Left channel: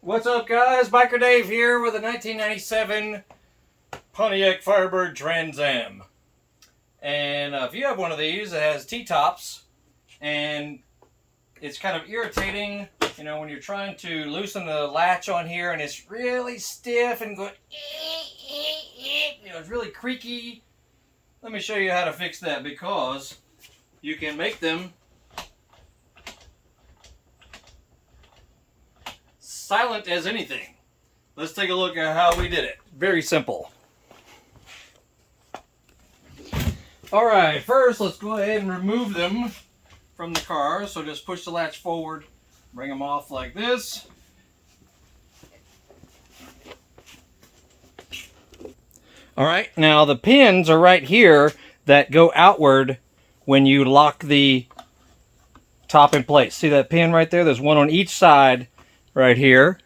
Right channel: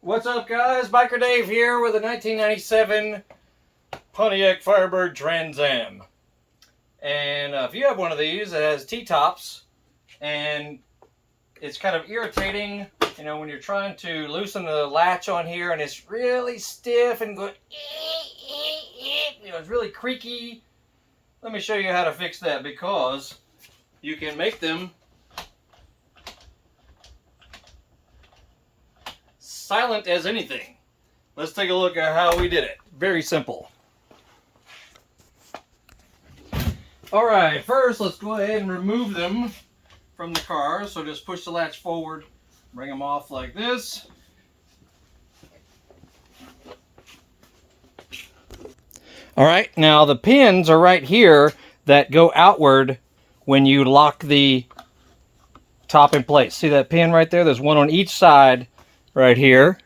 What's up, guys? Biker Dave here with a 1997 Pontiac Firebird Trans Am. And if you have one of these, it has T-tops, and it's kind of irritating, you know, when you're trying to loosen the latch on here, and it's really stiff and going, you know, it's really creaky. Let me show you how to fix that, because you can make them silent as anything. Let's take a look at how we did it. Very simple. Alright, first let's go ahead and remove them from the car. So just push the latch forward, bring them off like this. Alright, now the pins are right here that go outward when you lock the top in place. See that pin right there? There's one on each side right here.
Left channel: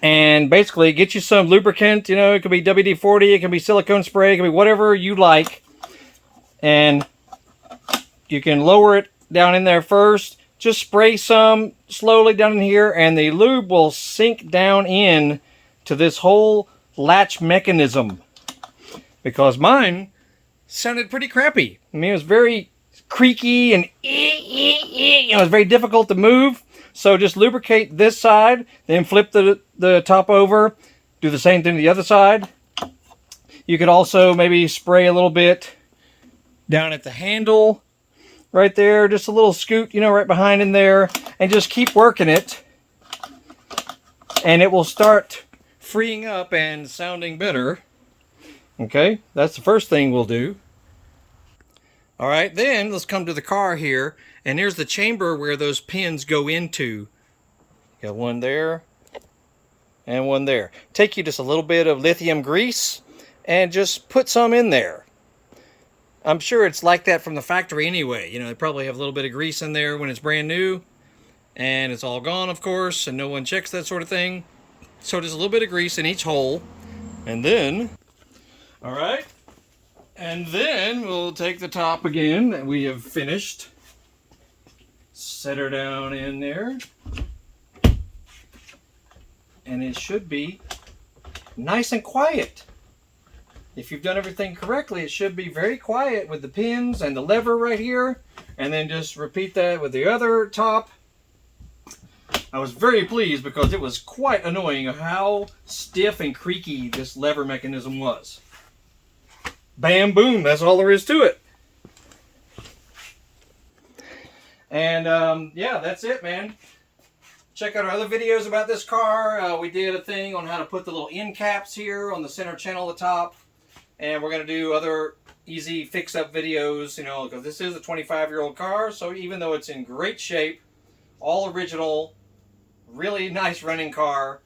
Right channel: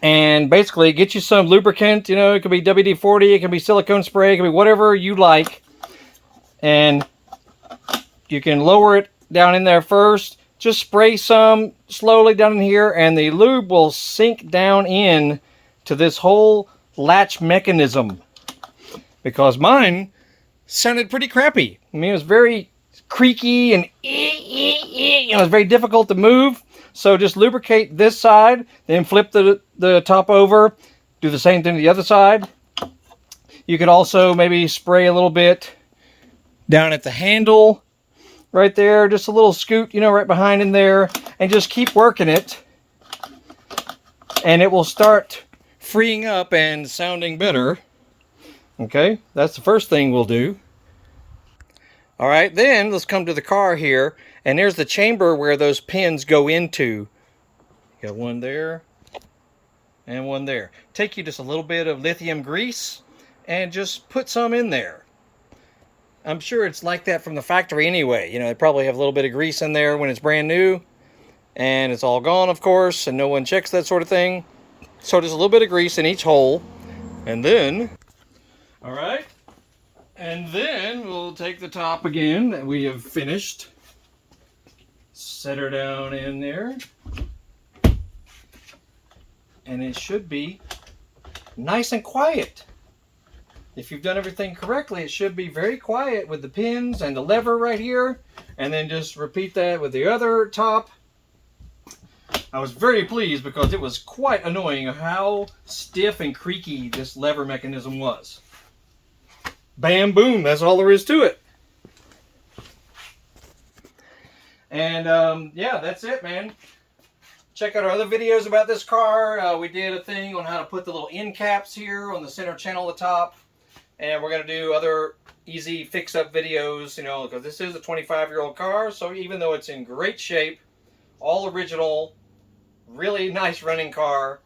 And basically get you some lubricant, you know, it could be WD-40, it can be silicone spray, it can be whatever you like. And you can lower it down in there first. Just spray some slowly down in here, and the lube will sink down in to this whole latch mechanism. Because mine sounded pretty crappy. I mean, it was very creaky and you know, it was very difficult to move. So just lubricate this side, then flip the top over. Do the same thing to the other side. You could also maybe spray a little bit down at the handle right there. Just a little scoot, you know, right behind in there. And just keep working it. And it will start freeing up and sounding better. Okay, that's the first thing we'll do. All right, then let's come to the car here. And there's the chamber where those pins go into. You got one there and one there. Take you just a little bit of lithium grease and just put some in there. I'm sure it's like that from the factory anyway. You know, they probably have a little bit of grease in there when it's brand new. And it's all gone, of course, and no one checks that sort of thing. So just a little bit of grease in each hole. And then, all right. And then we'll take the top again that we have finished. Set her down in there, and it should be nice and quiet. If you've done everything correctly, it should be very quiet with the pins and the lever right here, and then just repeat that with the other top. I was very pleased because it was quite annoying how stiff and creaky this lever mechanism was. Bam, boom, that's all there is to it. And yeah, that's it, man. Check out our other videos about this car. We did a thing on how to put the little end caps here on the center channel at the top. And we're going to do other easy fix-up videos, you know, because this is a 25-year-old car. So even though it's in great shape, all original, really nice running car,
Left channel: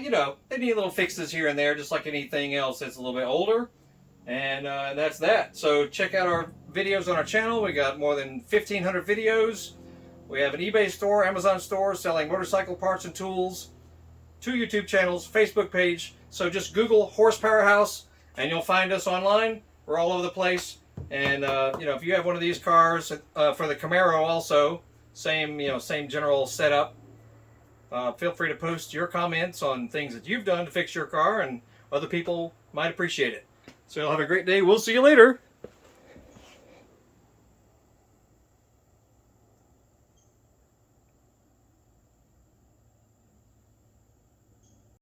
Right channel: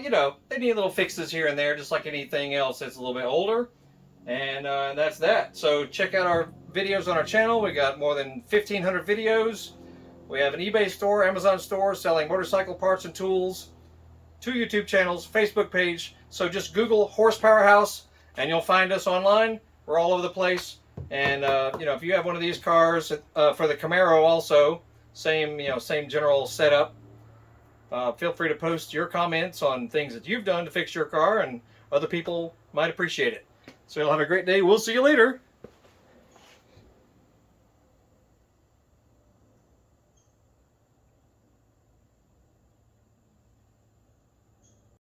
you know, they need little fixes here and there, just like anything else that's a little bit older. And that's that. So check out our videos on our channel. We got more than 1,500 videos. We have an eBay store, Amazon store, selling motorcycle parts and tools, 2 YouTube channels, Facebook page. So just Google Horsepower House and you'll find us online. We're all over the place. And you know, if you have one of these cars, for the Camaro also, same, you know, same general setup. Feel free to post your comments on things that you've done to fix your car, and other people might appreciate it. So you'll have a great day. We'll see you later.